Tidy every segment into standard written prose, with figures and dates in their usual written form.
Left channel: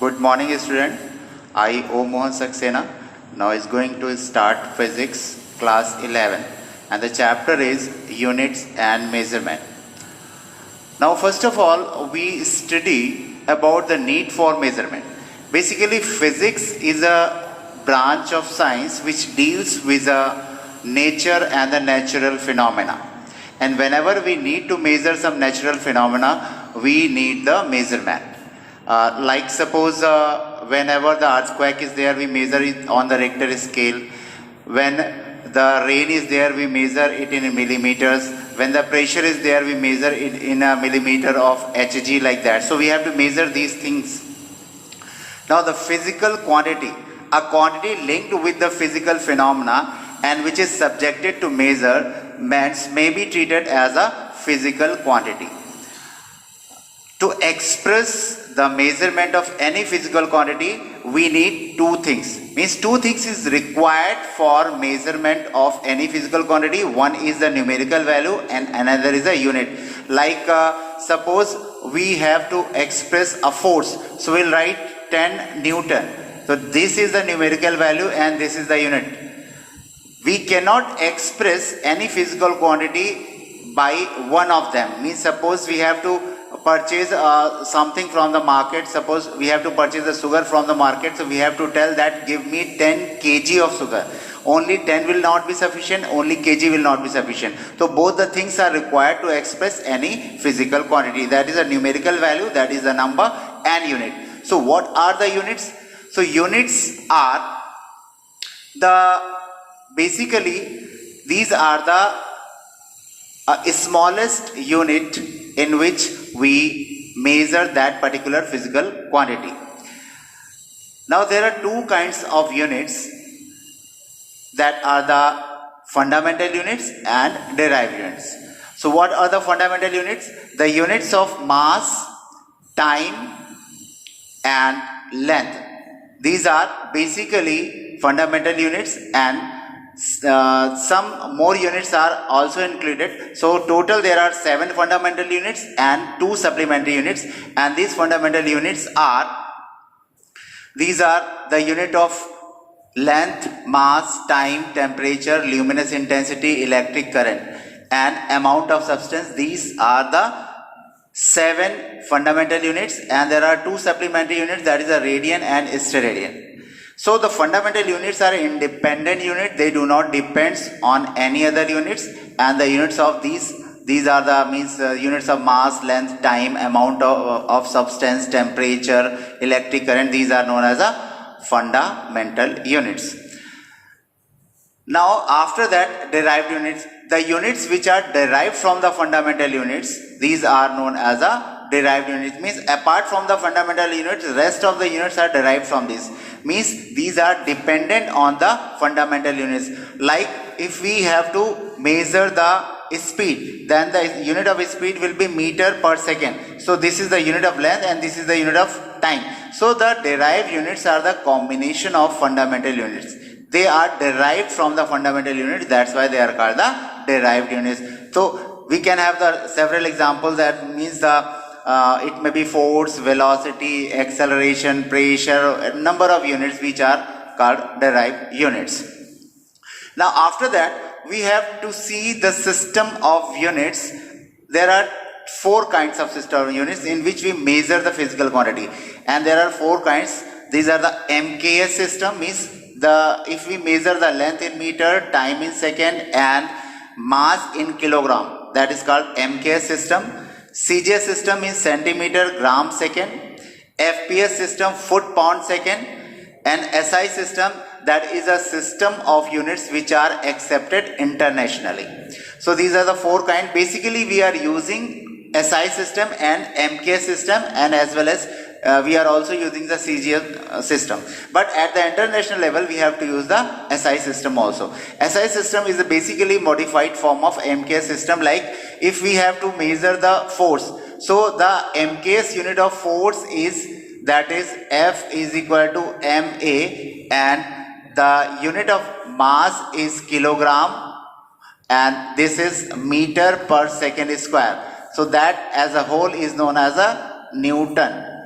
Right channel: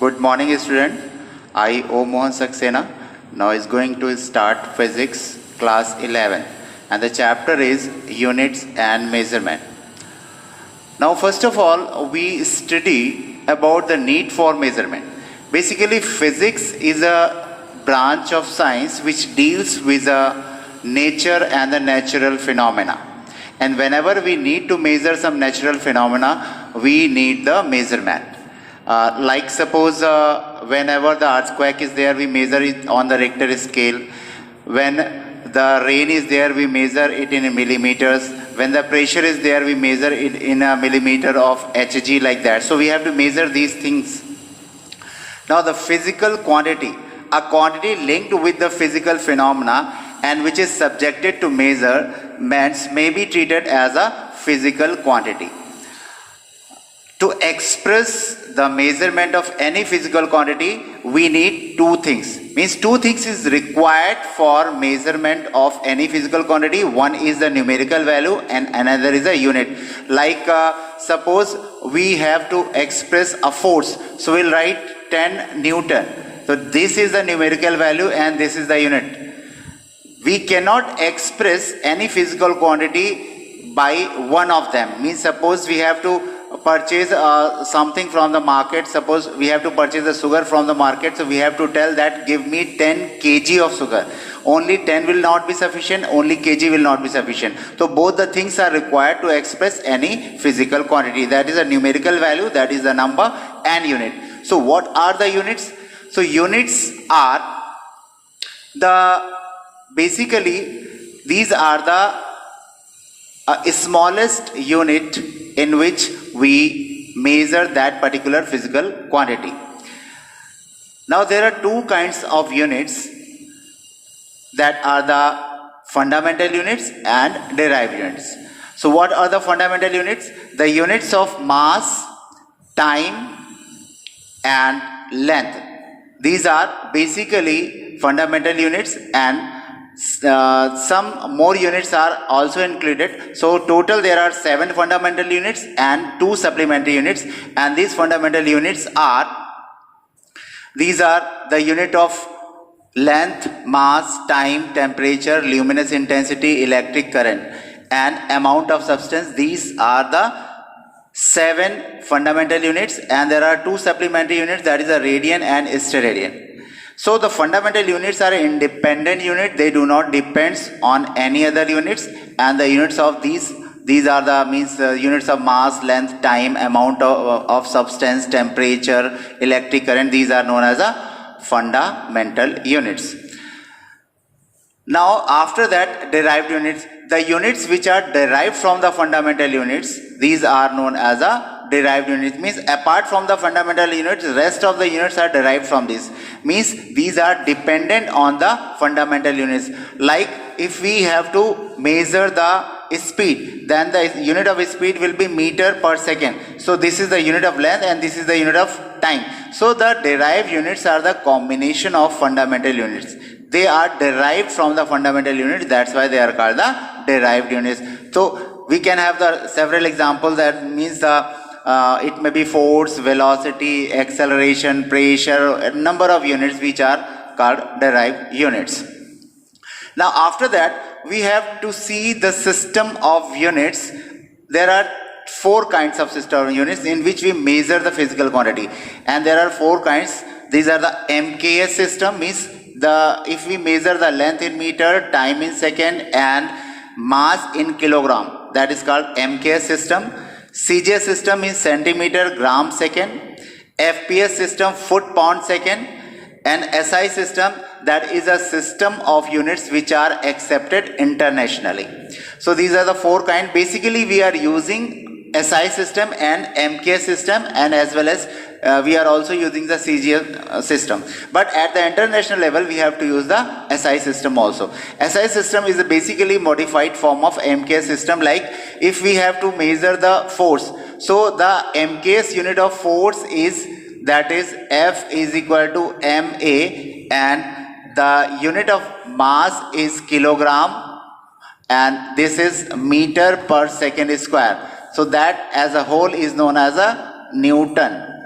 Good morning, student. I, O. Mohan Saxena, now is going to start physics class 11, and the chapter is units and measurement. Now, first of all, we study about the need for measurement. Basically, physics is a branch of science which deals with the nature and the natural phenomena. And whenever we need to measure some natural phenomena, we need the measurement. Like suppose whenever the earthquake is there, we measure it on the Richter scale. When the rain is there, we measure it in millimeters. When the pressure is there, we measure it in a millimeter of Hg, like that. So we have to measure these things. Now the physical quantity, a quantity linked with the physical phenomena and which is subjected to measurements may be treated as a physical quantity. To express the measurement of any physical quantity, we need two things. Means two things is required for measurement of any physical quantity. One is the numerical value and another is a unit. Like suppose we have to express a force. So we'll write 10 Newton. So this is the numerical value and this is the unit. We cannot express any physical quantity by one of them. Means suppose we have to purchase something from the market. Suppose we have to purchase the sugar from the market, so we have to tell that give me 10 kg of sugar. Only 10 will not be sufficient, only kg will not be sufficient. So both the things are required to express any physical quantity. That is a numerical value, that is the number, and unit. So what are the units? So units are basically these are the smallest unit in which we measure that particular physical quantity. Now there are two kinds of units, that are the fundamental units and derived units. So what are the fundamental units? The units of mass, time and length. These are basically fundamental units, and some more units are also included. So total there are 7 fundamental units and 2 supplementary units, and these fundamental units are, these are the unit of length, mass, time, temperature, luminous intensity, electric current and amount of substance. These are the 7 fundamental units, and there are 2 supplementary units, that is a radian and steradian. So the fundamental units are independent unit, they do not depend on any other units, and the units of these are the units of mass, length, time, amount of substance, temperature, electric current. These are known as a fundamental units. Now after that, derived units. The units which are derived from the fundamental units, these are known as a derived units. Means apart from the fundamental units, rest of the units are derived from this. Means these are dependent on the fundamental units. Like if we have to measure the speed, then the unit of speed will be meter per second. So this is the unit of length and this is the unit of time. So the derived units are the combination of fundamental units. They are derived from the fundamental units, that's why they are called the derived units. So we can have the several examples. That means it may be force, velocity, acceleration, pressure, a number of units which are called derived units. Now after that, we have to see the system of units. There are 4 kinds of system of units in which we measure the physical quantity, and there are 4 kinds. These are the MKS system, means if we measure the length in meter, time in second and mass in kilogram, that is called MKS system. CGS system is centimeter gram second, FPS system foot pound second, and SI system, that is a system of units which are accepted internationally. So these are the 4 kinds. Basically we are using SI system and MKS system, and as well as we are also using the CGS system. But at the international level we have to use the SI system also. SI system is a basically modified form of MKS system. Like if we have to measure the force, so the MKS unit of force is, that is F is equal to MA, and the unit of mass is kilogram, and this is meter per second square. So that as a whole is known as a Newton,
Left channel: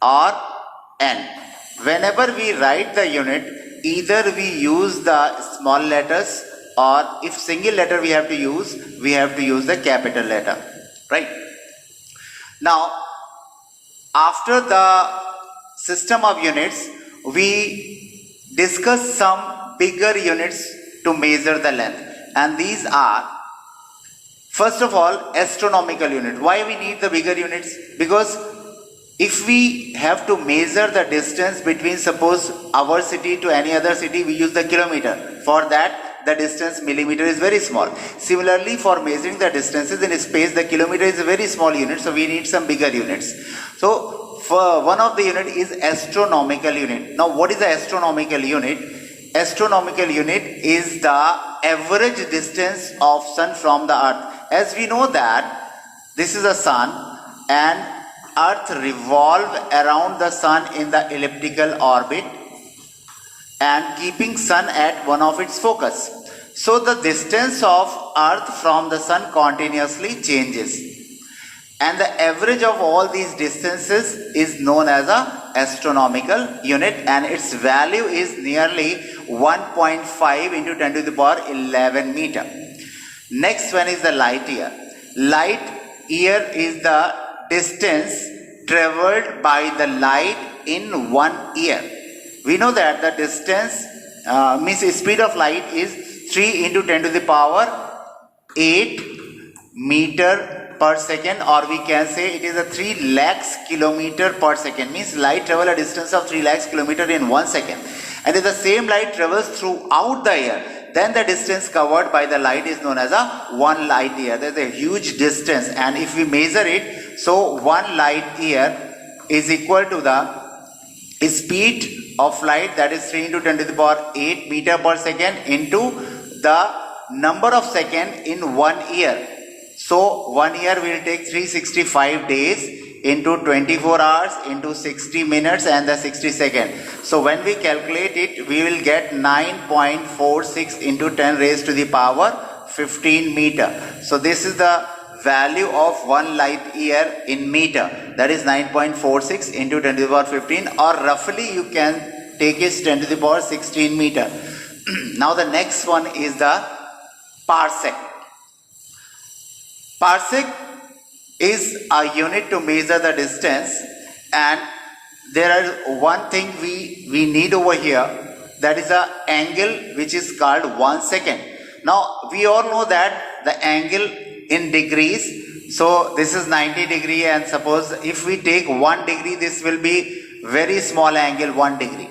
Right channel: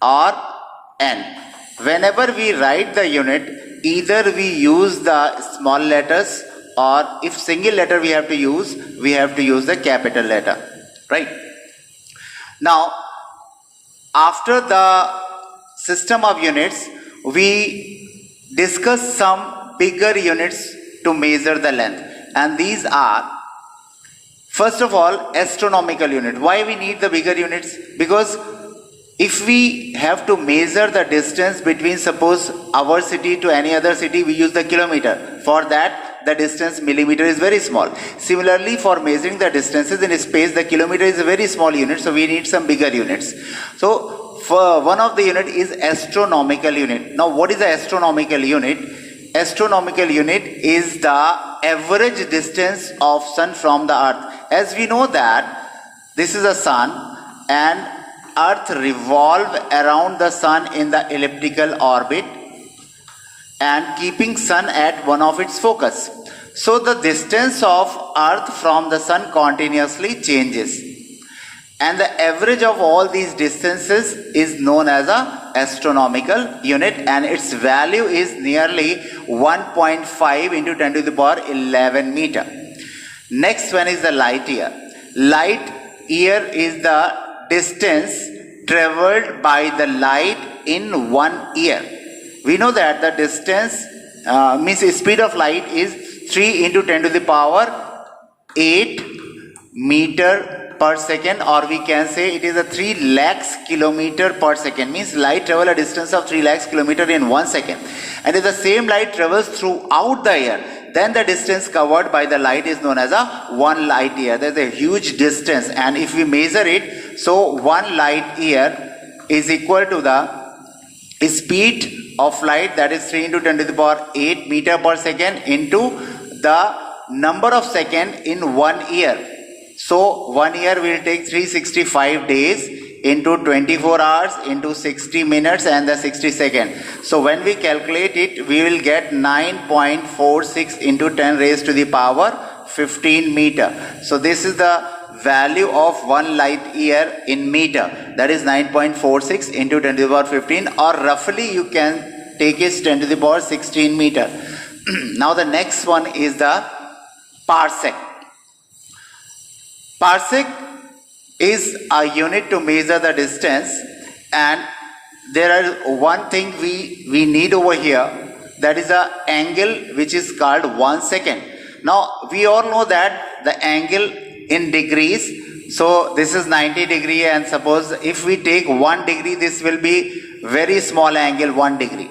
or n. Whenever we write the unit, either we use the small letters, or if single letter we have to use the capital letter, right? Now, after the system of units, we discuss some bigger units to measure the length, and these are, first of all, astronomical unit. Why we need the bigger units? Because if we have to measure the distance between, suppose, our city to any other city, we use the kilometer. For that, the distance millimeter is very small. Similarly, for measuring the distances in space, the kilometer is a very small unit, so we need some bigger units. So, for one of the unit is astronomical unit. Now, what is the astronomical unit? Astronomical unit is the average distance of sun from the earth. As we know that this is the sun, and earth revolve around the sun in the elliptical orbit and keeping sun at one of its focus. So the distance of earth from the sun continuously changes, and the average of all these distances is known as a astronomical unit, and its value is nearly 1.5 into 10 to the power 11 meter. Next one is the light year. Light year is the distance traveled by the light in 1 year. We know that the distance means speed of light is 3 into 10 to the power 8 meter per second, or we can say it is a 3 lakhs kilometer per second. Means light travel a distance of 3 lakhs kilometer in 1 second. And if the same light travels throughout the year, then the distance covered by the light is known as a 1 light year. There is a huge distance, and if we measure it, so 1 light year is equal to the speed of light, that is 3 into 10 to the power 8 meter per second, into the number of seconds in 1 year. So 1 year will take 365 days into 24 hours into 60 minutes and the 60 seconds. So when we calculate it, we will get 9.46 into 10 raised to the power 15 meter. So this is the value of 1 light year in meter, that is 9.46 into 10 to the power 15, or roughly you can take it 10 to the power 16 meter. Now the next one is the parsec. Parsec is a unit to measure the distance, and there are one thing we need over here, that is the angle which is called 1 second. Now we all know that the angle in degrees, so this is 90 degree, and suppose if we take 1 degree, this will be very small angle, 1 degree.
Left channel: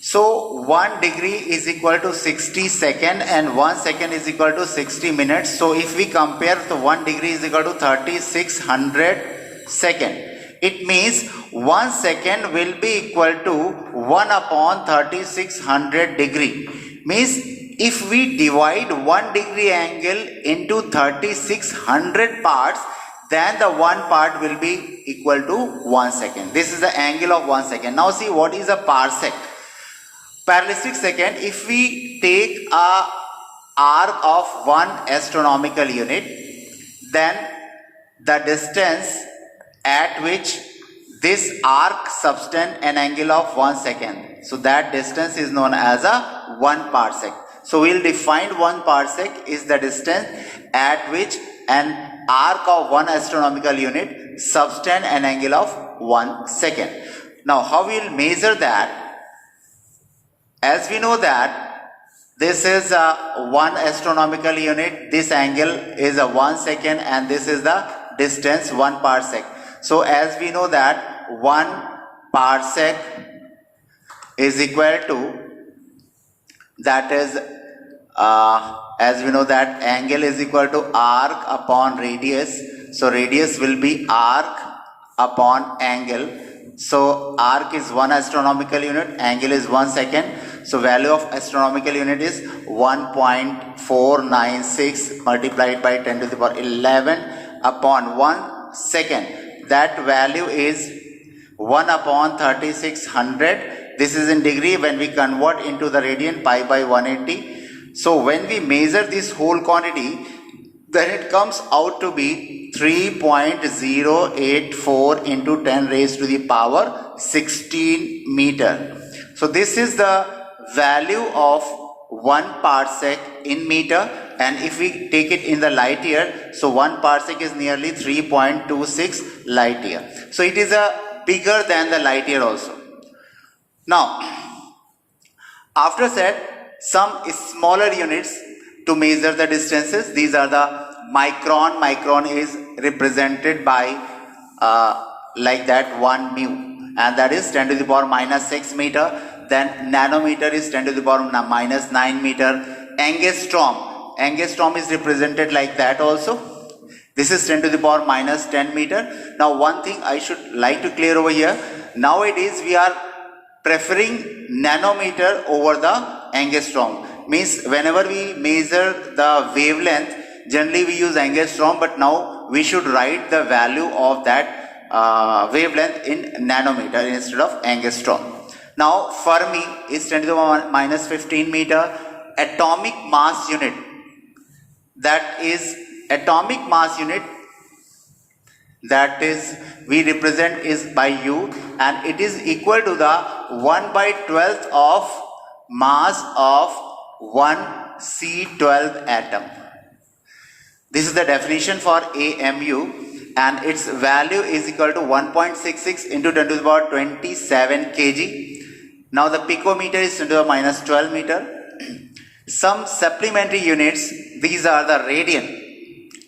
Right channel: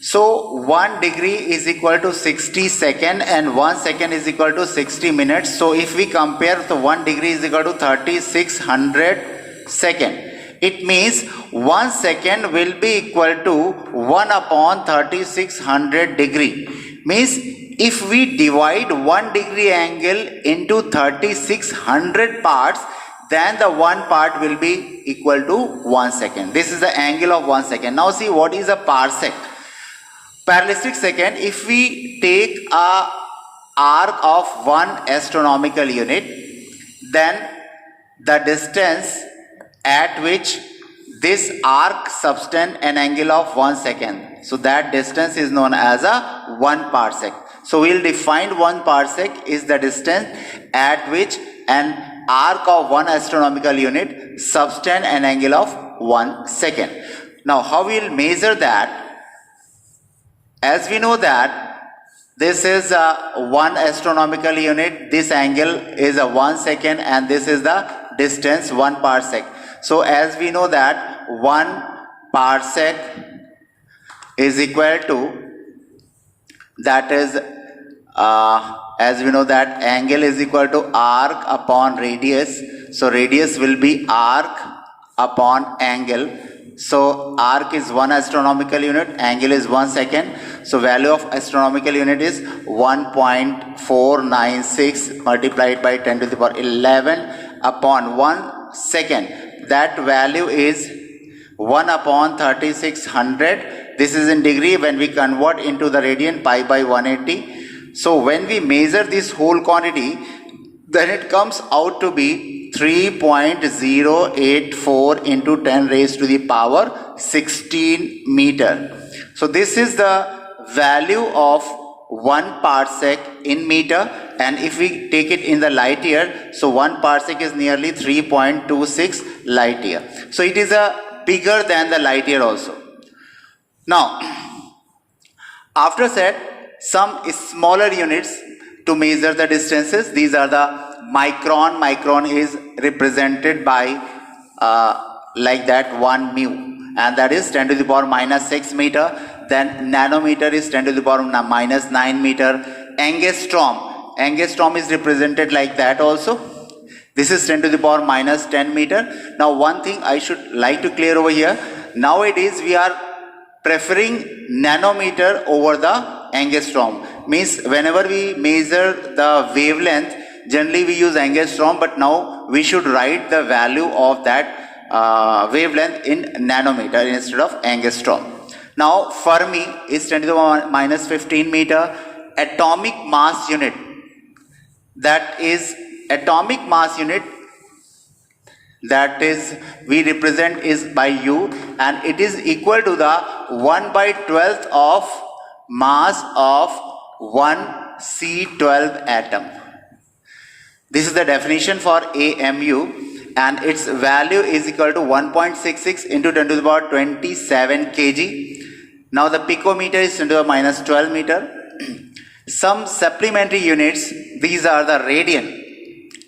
So 1 degree is equal to 60 second, and 1 second is equal to 60 minutes. So if we compare, the 1 degree is equal to 3600 second. It means 1 second will be equal to 1 upon 3600 degree. Means if we divide 1 degree angle into 3600 parts, then the one part will be equal to 1 second. This is the angle of 1 second. Now see what is a parsec. Parallelistic second, if we take a arc of 1 astronomical unit, then the distance at which this arc subtends an angle of 1 second. So that distance is known as a 1 parsec. So we will define 1 parsec is the distance at which an arc of 1 astronomical unit subtends an angle of 1 second. Now how we will measure that? As we know that this is a 1 astronomical unit, this angle is a 1 second, and this is the distance 1 parsec. So as we know that 1 parsec is equal to, that is as we know that angle is equal to arc upon radius. So radius will be arc upon angle. So arc is 1 astronomical unit, angle is 1 second. So value of astronomical unit is 1.496 multiplied by 10 to the power 11 upon 1 second. That value is 1 upon 3600. This is in degree. When we convert into the radian, pi by 180. So when we measure this whole quantity, then it comes out to be 3.084 into 10 raised to the power 16 meter. So this is the value of 1 parsec in meter, and if we take it in the light year, so 1 parsec is nearly 3.26 light year. So it is a bigger than the light year also. Now, after that, some smaller units to measure the distances. These are the micron. Micron is represented by like that 1 mu, and that is 10 to the power minus 6 meter. Then nanometer is 10 to the power minus 9 meter. Angstrom is represented like that also. This is 10 to the power minus 10 meter. Now one thing I should like to clear over here. Nowadays we are preferring nanometer over the angstrom. Means whenever we measure the wavelength, generally we use angstrom, but now we should write the value of that wavelength in nanometer instead of angstrom. Now Fermi is 10 to the power minus 15 meter. Atomic mass unit, that is atomic mass unit, that is we represent is by U, and it is equal to the 1/12 of mass of 1 C12 atom. This is the definition for AMU, and its value is equal to 1.66 into 10 to the power 27 kg. Now the picometer is 10 to the minus 12 meter. Some supplementary units, these are the radian.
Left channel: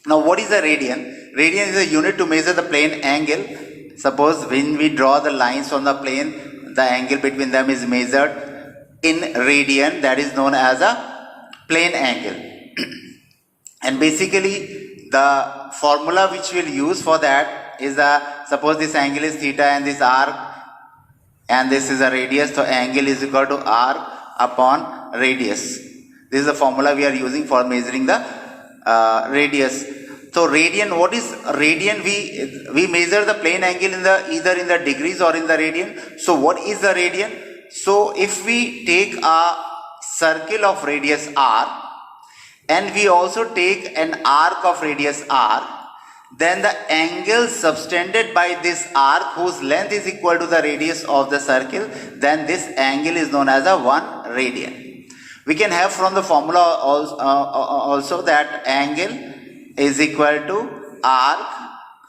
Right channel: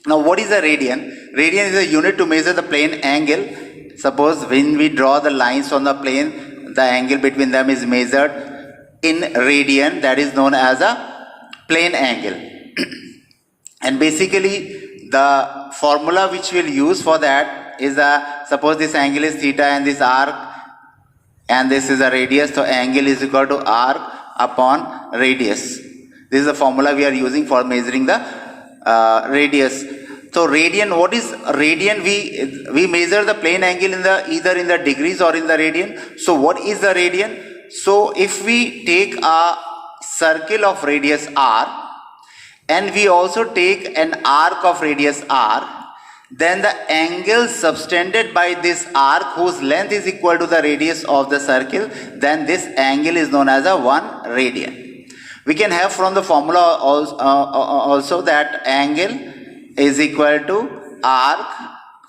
Now what is a radian? Radian is a unit to measure the plane angle. Suppose when we draw the lines on the plane, the angle between them is measured in radian, that is known as a plane angle. And basically the formula which we'll use for that is suppose this angle is theta and this arc, and this is a radius, so angle is equal to arc upon radius. This is the formula we are using for measuring the radius. So radian, what is radian? We measure the plane angle in the either in the degrees or in the radian. So what is the radian? So if we take a circle of radius r, and we also take an arc of radius r, then the angle subtended by this arc, whose length is equal to the radius of the circle, then this angle is known as a 1 radian. We can have from the formula also that angle is equal to arc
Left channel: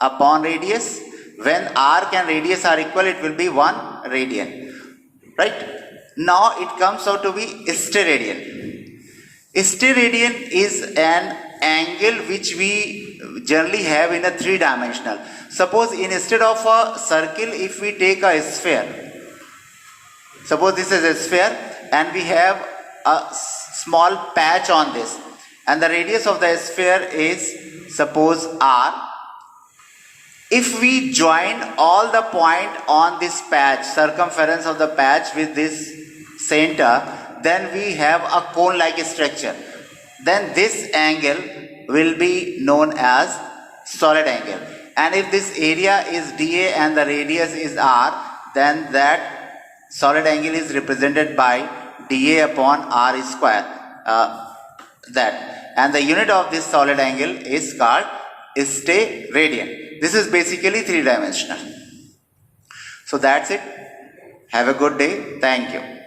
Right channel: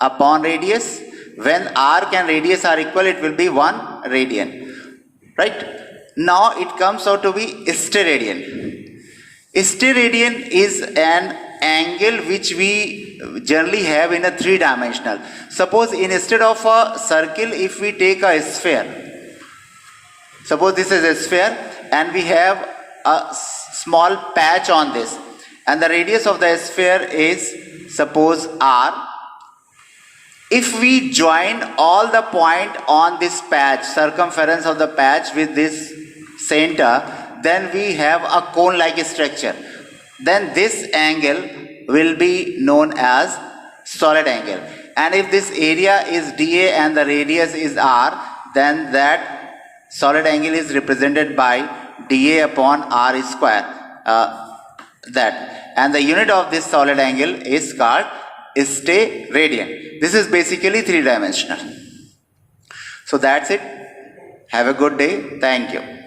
upon radius. When arc and radius are equal, it will be 1 radian. Right? Now it comes out to be steradian. Steradian is an angle which we generally have in a 3-dimensional. Suppose instead of a circle, if we take a sphere, suppose this is a sphere and we have a small patch on this, and the radius of the sphere is suppose r. If we join all the point on this patch, circumference of the patch with this center, then we have a cone like structure. Then this angle will be known as solid angle. And if this area is dA and the radius is r, then that solid angle is represented by dA upon r square. And the unit of this solid angle is called steradian. This is basically 3-dimensional. So that's it. Have a good day. Thank you.